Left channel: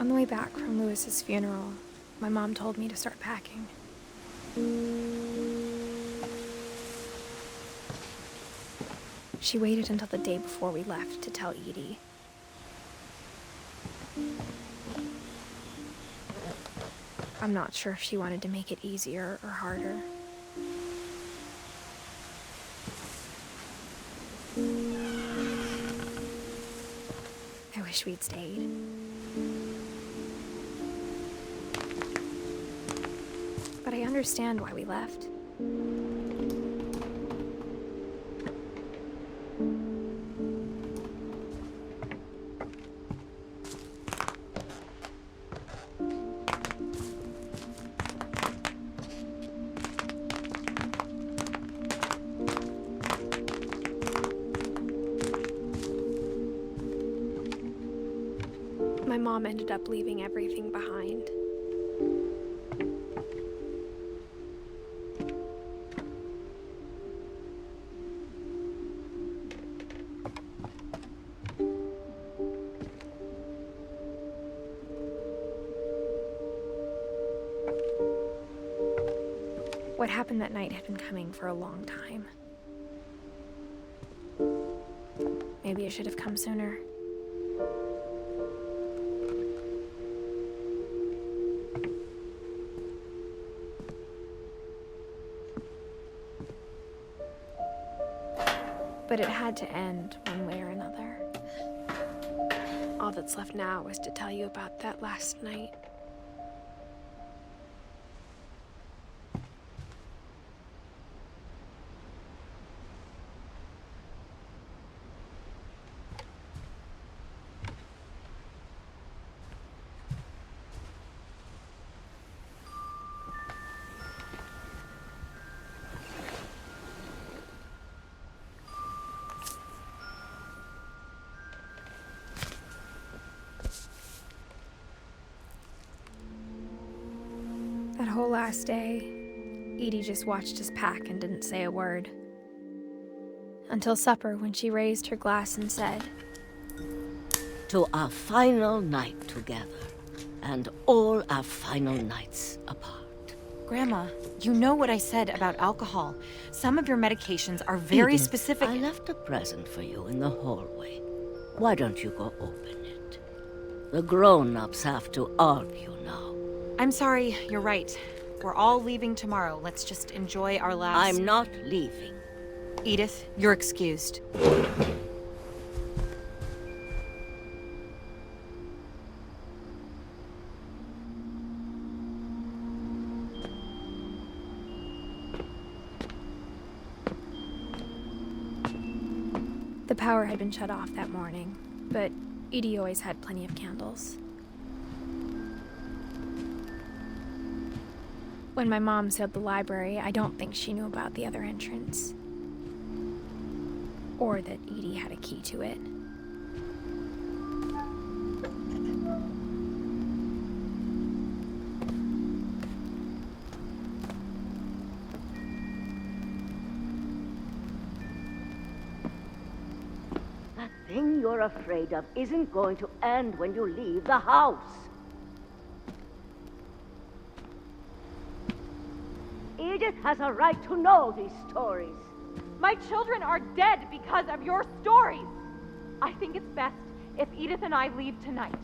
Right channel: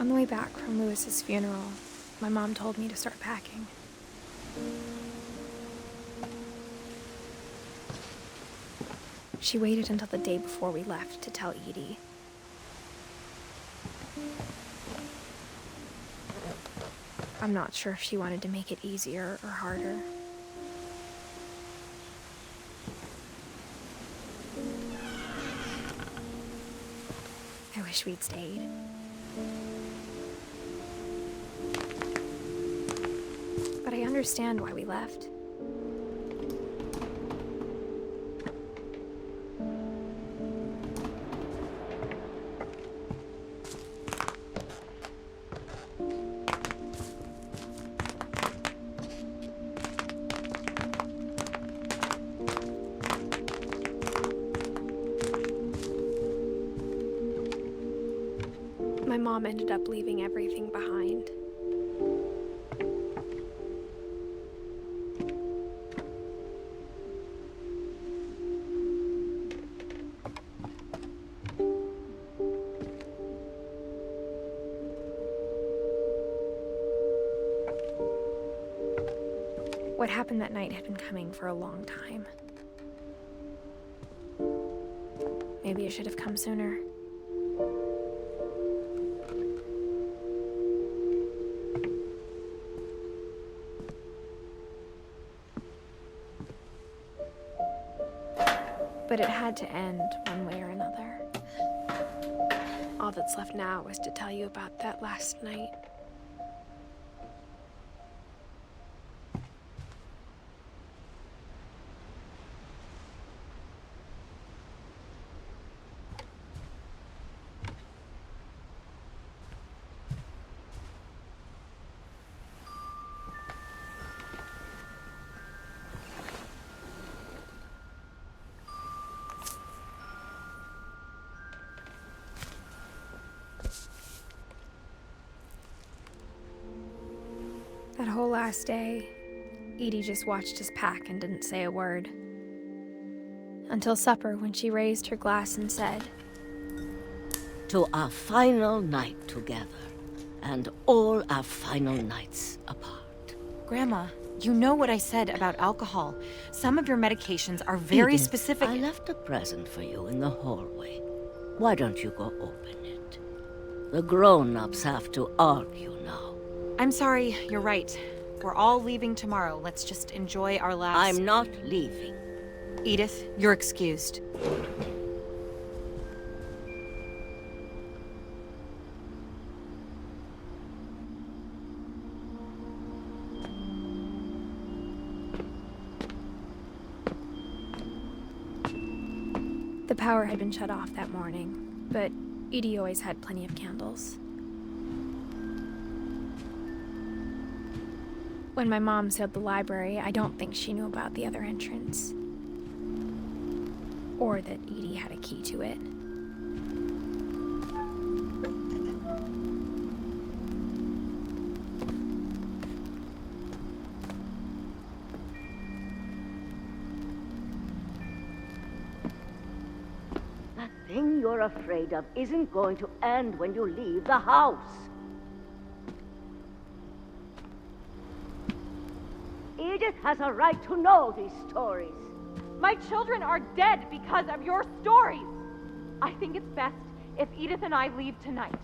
On the way back from Lewis's funeral, my mom told me to start packing. She waited until the day before we left to tell Edie. I'm not sure if she wanted to make it easier or harder. I wish we'd stayed. But I understand why we left. My mom ended up leaving everything behind. What happened that night had been coming for a long time. Maybe it should have come sooner. But it had to end one way or another. All that's left now is to tell you about that last night. That whole last day, Edie just watched us pack and didn't say a word. Until supper, when she raised her glass and said, "To our final night together, and all our final nights apart." Grandma, you know what I said about alcohol. Some of your medications are very Edith, specific. I left a present for you in the hallway. Why don't you go open it? The grown-ups have to argue now. I'm sorry, you're right. We're all leaving tomorrow. Let's just enjoy our last... I'm not leaving. Edith, you're excused. the power had been shut off that morning, but Edie always had plenty of candles. When my mom sealed the library, I don't think she knew about the other entrance. Or that Edie had a key to it. That thing you're afraid of isn't going to end when you leave the house. Edith has a right to know these stories. My children are dead because of your stories. I think it's best if Edith and I leave tonight.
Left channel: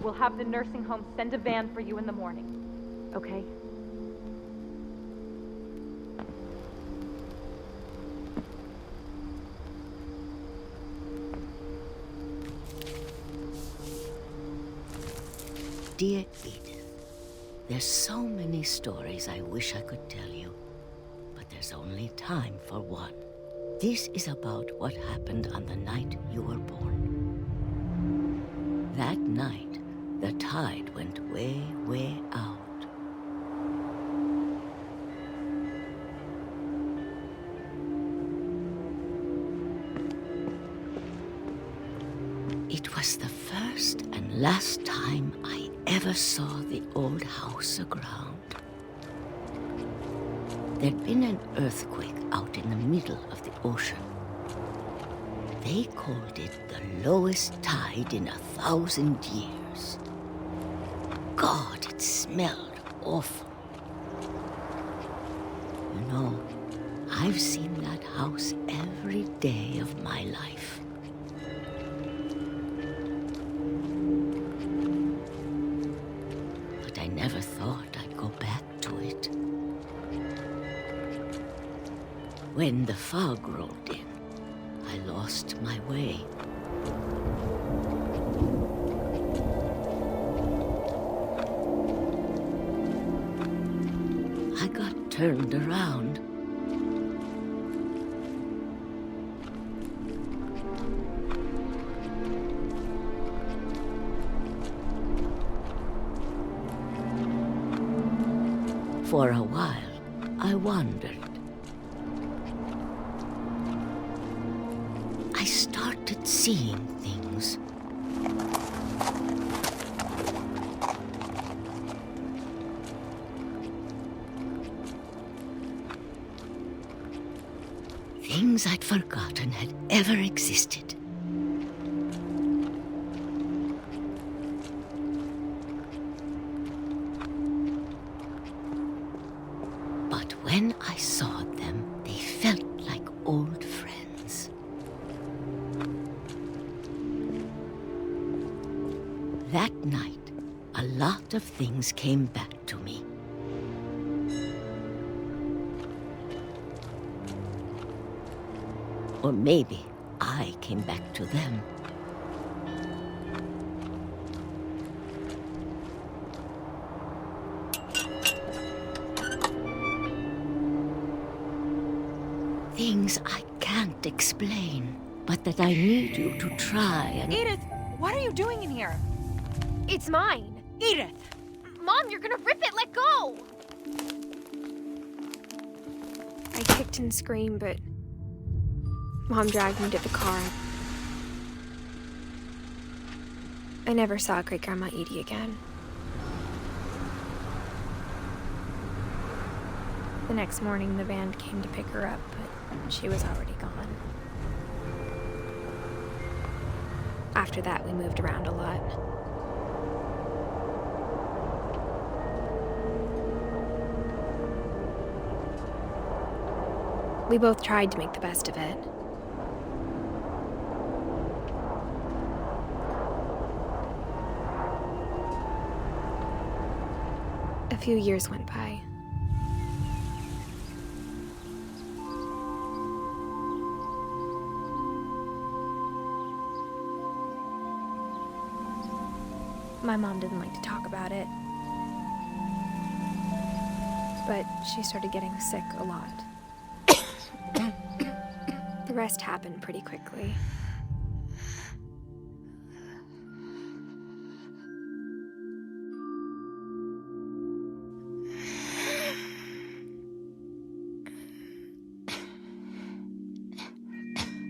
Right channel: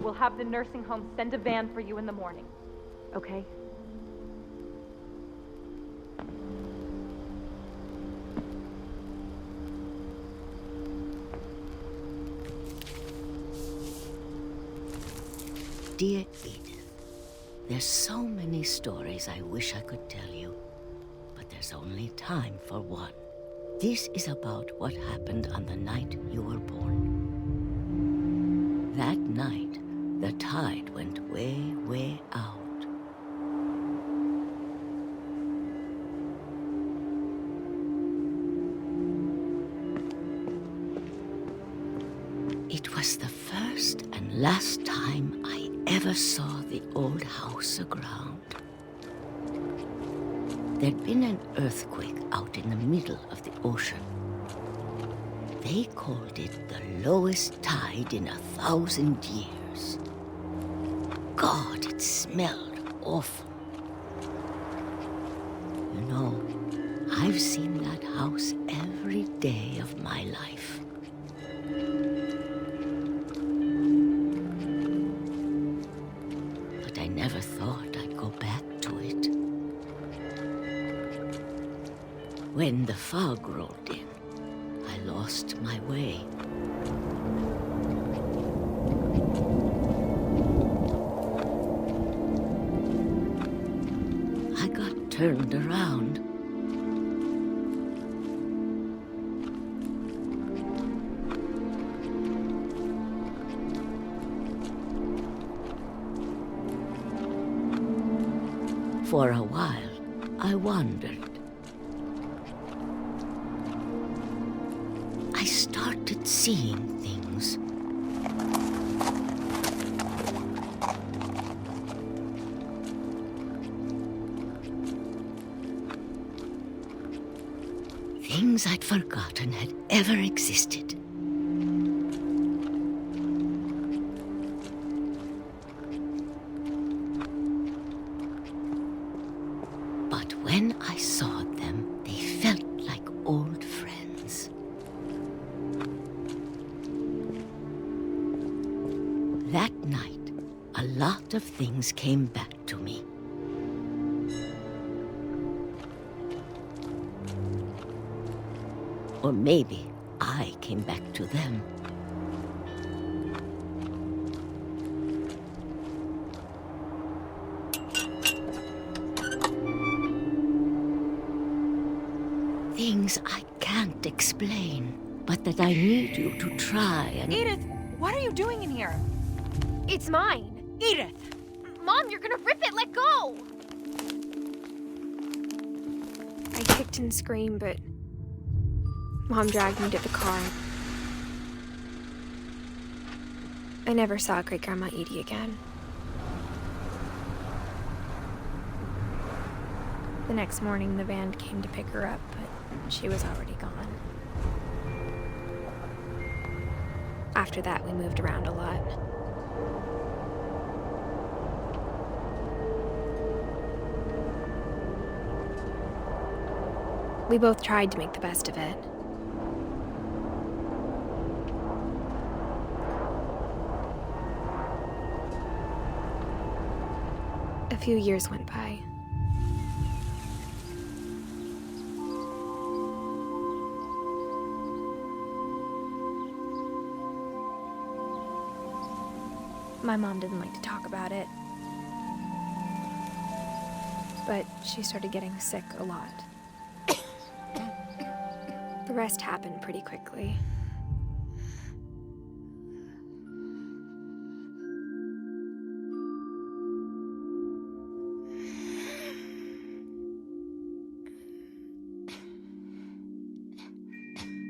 We'll have the nursing home send a van for you in the morning, okay? Dear Edith, there's so many stories I wish I could tell you, but there's only time for one. This is about what happened on the night you were born. That night, the tide went way, way out. It was the first and last time I ever saw the old house aground. There'd been an earthquake out in the middle of the ocean. They called it the lowest tide in 1,000 years. God, it smelled awful. You know, I've seen that house every day of my life. But I never thought I'd go back to it. When the fog rolled in, I lost my way. I got turned around. For a while, I wandered. I started seeing things. Things I'd forgotten had ever existed. But when I saw them, they felt like old friends. That night, a lot of things came back to me. Or maybe I came back to them. Things I can't explain, but that I need you to try and... Edith, what are you doing in here? It's mine. Edith! Mom, you're gonna rip it! Let go! I kicked and screamed, but Mom dragged me to the car. I never saw Great-Grandma Edie again. The next morning, the band came to pick her up, but she was already gone. After that, we moved around a lot. We both tried to make the best of it. A few years went by. My mom didn't like to talk about it, but she started getting sick a lot. The rest happened pretty quickly.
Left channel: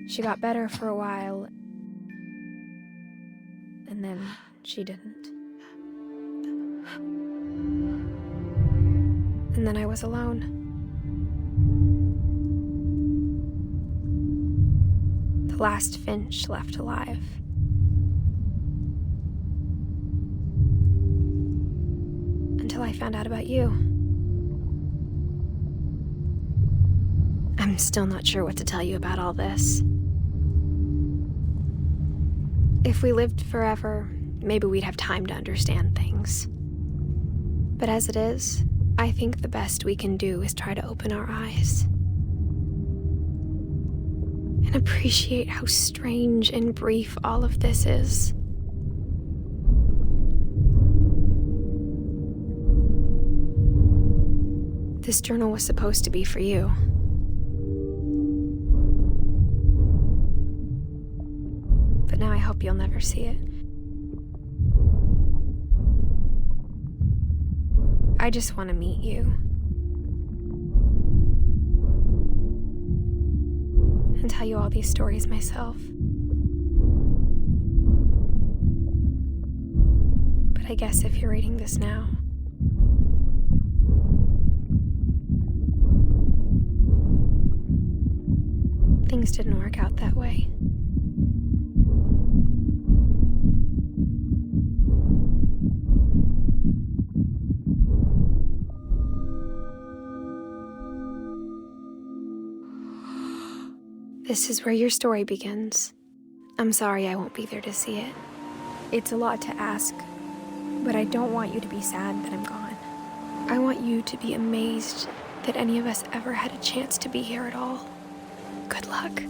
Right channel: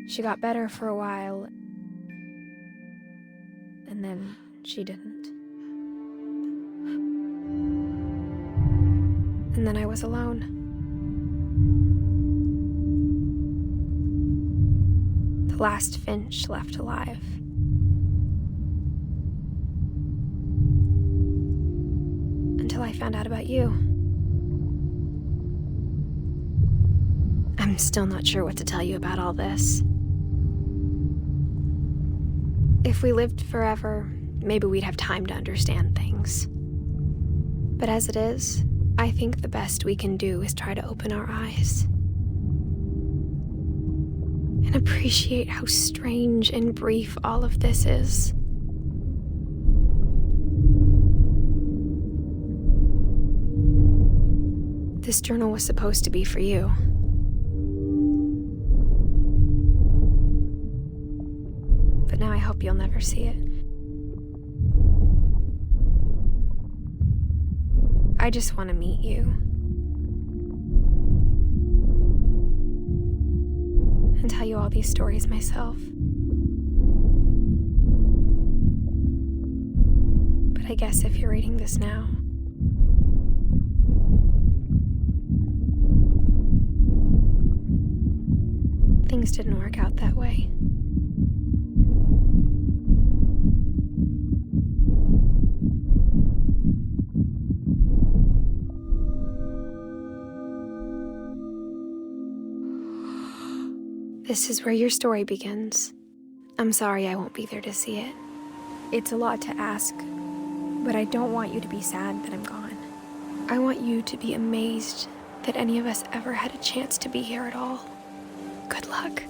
She got better for a while, and then she didn't. And then I was alone. The last Finch left alive. Until I found out about you. I'm still not sure what to tell you about all this. If we lived forever, maybe we'd have time to understand things. But as it is, I think the best we can do is try to open our eyes. And appreciate how strange and brief all of this is. This journal was supposed to be for you. But now I hope you'll never see it. I just want to meet you. And tell you all these stories myself. But I guess if you're reading this now, things didn't work out that way. This is where your story begins. I'm sorry I won't be there to see it. It's a lot to ask, but I don't want you to be sad that I'm gone. I want you to be amazed that any of us ever had a chance to be here at all. Good luck.